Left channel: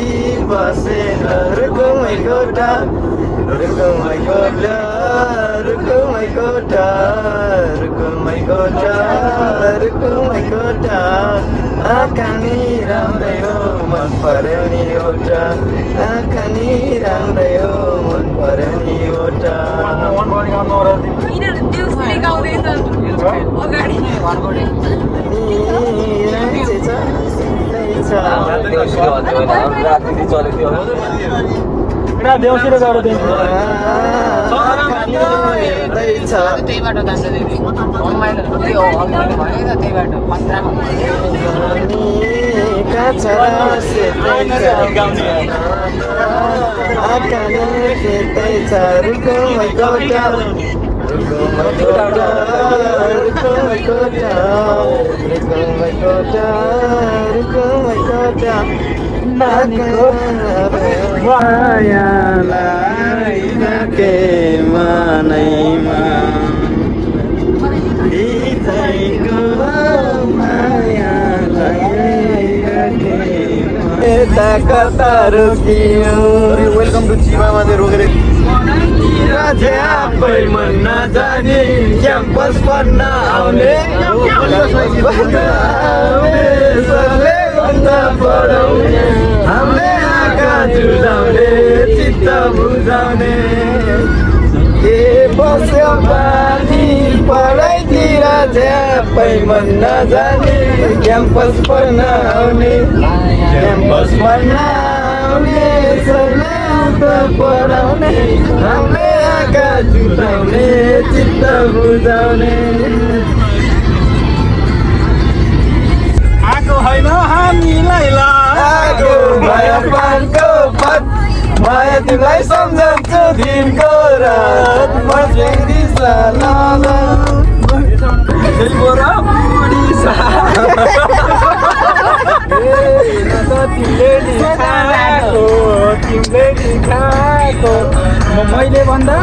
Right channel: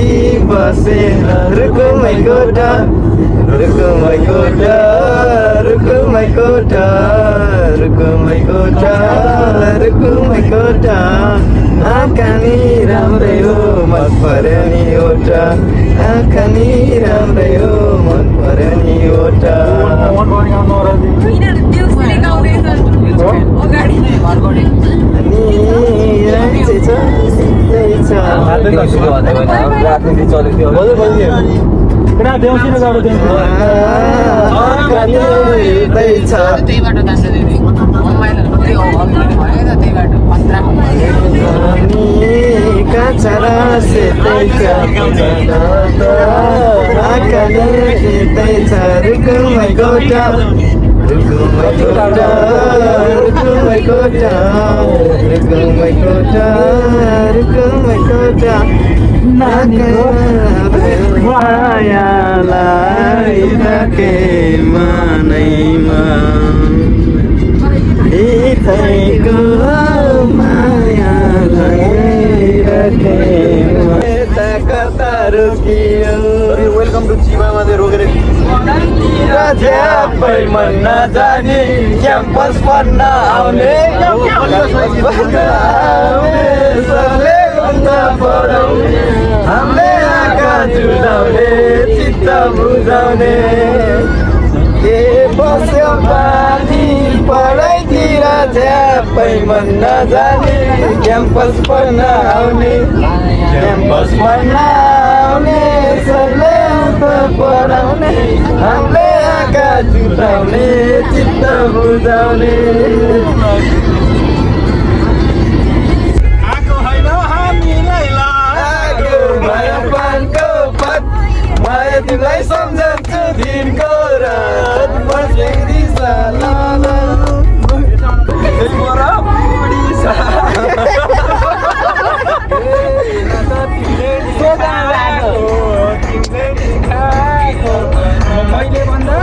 कि बसे रुको मै कोटा रुको मै कोटा रुको मै कोटा रुको मै कोटा रुको मै कोटा आँखा नि राम्रै हो मन पर्यो नि एउटा आँखा नि राम्रै हो मन पर्यो नि एउटा मायालाई के मनैमा कता रोकियो वेलकम टु चिमामा रोकेर झ्यापै मन नजाने क्याम्पस पढ्न आउने पढाउने हामीले आँखा जुदाउने चित्त बुझाउने के बस्यो पानी पढाइतिर झ्यापै मन नजाने क्याम्पस पढ्न आउने क्याम्पस पढ्न आउने सरले पढाउने हामीले आँखा जुदाउने चित्त बुझाउने आएको होइन हामीलाई लागो मायाको पथ माया तिमीलाई सम्झन्छु दिनको रात मस्ले रिसा लाला बोरा बुढी सा तिमीले खाएको मैले भन्दा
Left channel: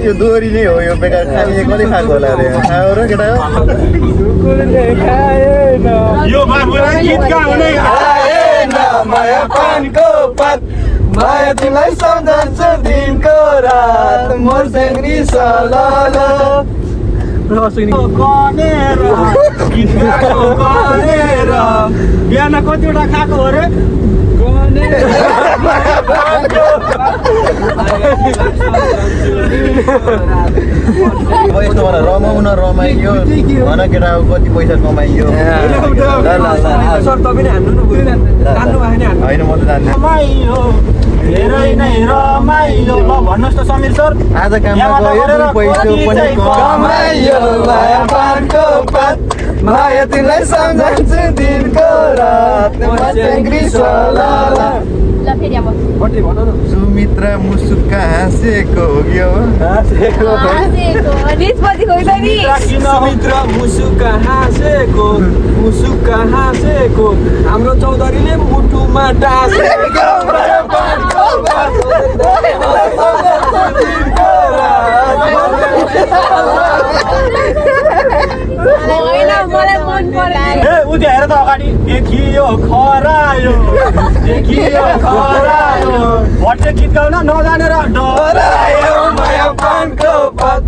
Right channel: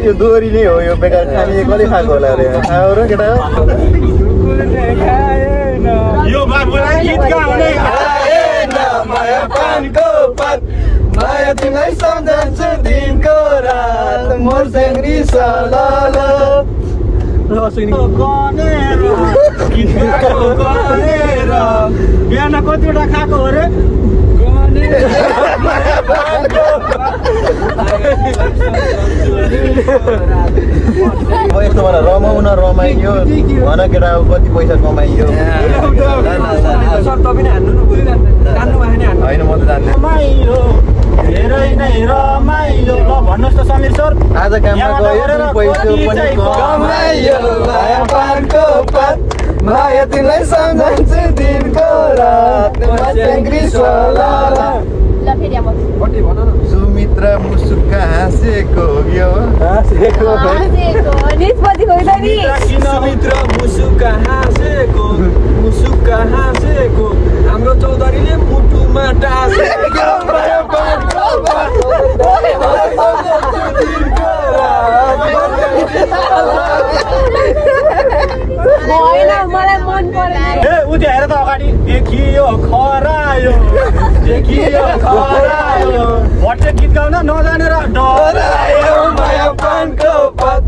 यो दोहोरी नै हो यो बेकार खाने कसले खाएको होला अरे केटा यो बाबुलाई गीत गाउने आएन माया पानको पत माया तिमीलाई सम्झन्छु दिनको रात मर्सेङ रिसा लाला कनेर गीत गाएको कनेर बिहान कतिवटा खाएको अरे रमाउन रमाइयो भन केटा अब कति पैसा कमाइयो होइन म त जान्ने धेरै नै रमाइलो भन्नुहोस् त समीर सर आज काममा गयो पैसा पनि कमाइयो माया पानको पत माया तिमीलाई सम्झन्छु दिनको रात सुमित्रा मुसुक्का हाँसेको सुमित्रा मुसुक्का हाँसेको हाम्रो चौधरीले मुटुमा डाँसेको हेर त अगाडि देखियो खरायो भट्टे गीत गाउन नजानेर डरायो माया पानको पत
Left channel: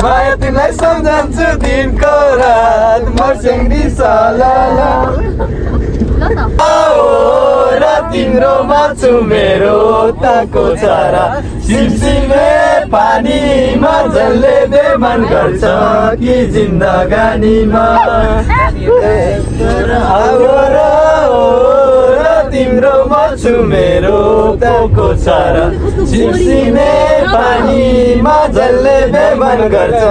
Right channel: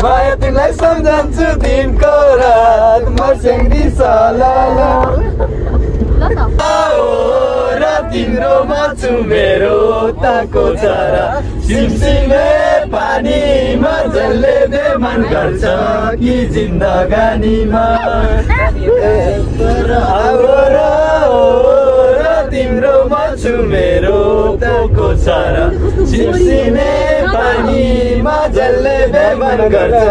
माया तिमीलाई सम्झन्छु दिनको रात मर्सेङ रिसा लाला तिम्रो छु मेरो ताको चरा सिमसिमे पानीमा जसले बेमान गर्छ कि जिन्दगानीमा तिम्रो छु मेरो ताको चरा सिमसिमे पानीमा जसले बेमान गर्छ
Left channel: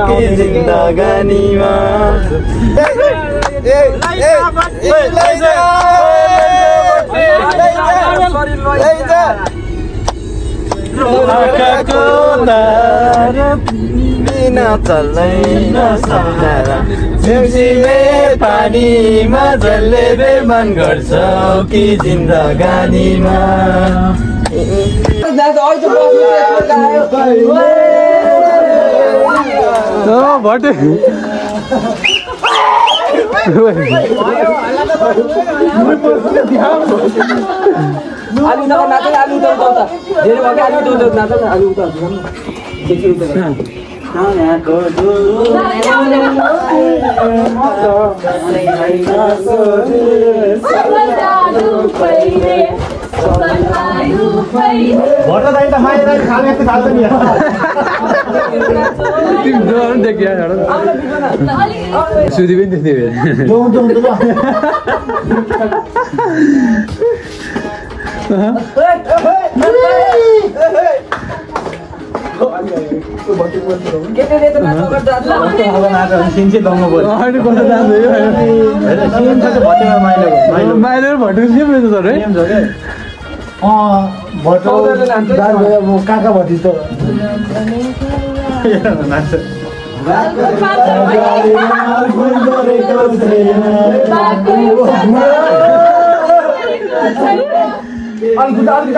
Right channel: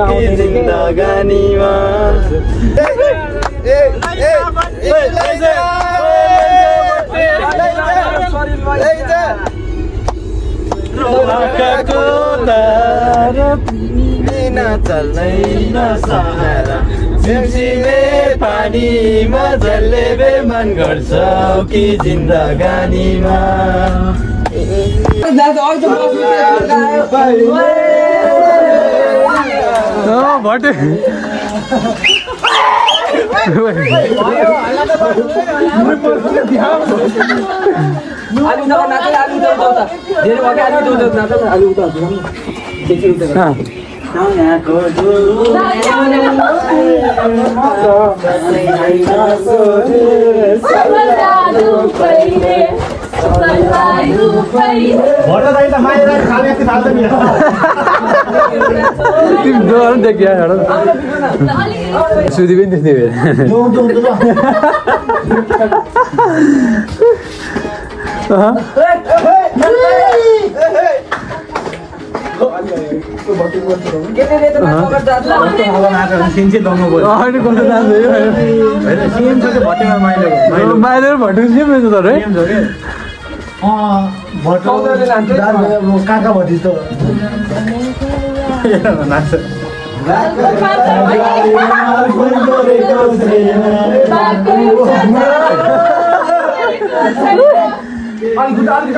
कि जिन्दगानीमा नचल्नै नसम्झाएर देउसीले पानीमा जसले बेमान गर्छ कि जिन्दगानीमा भटे सुधी पनि त्यस्तै माइलो भट्टु सेम रहेछ सर है काका भटी त आउँछ नि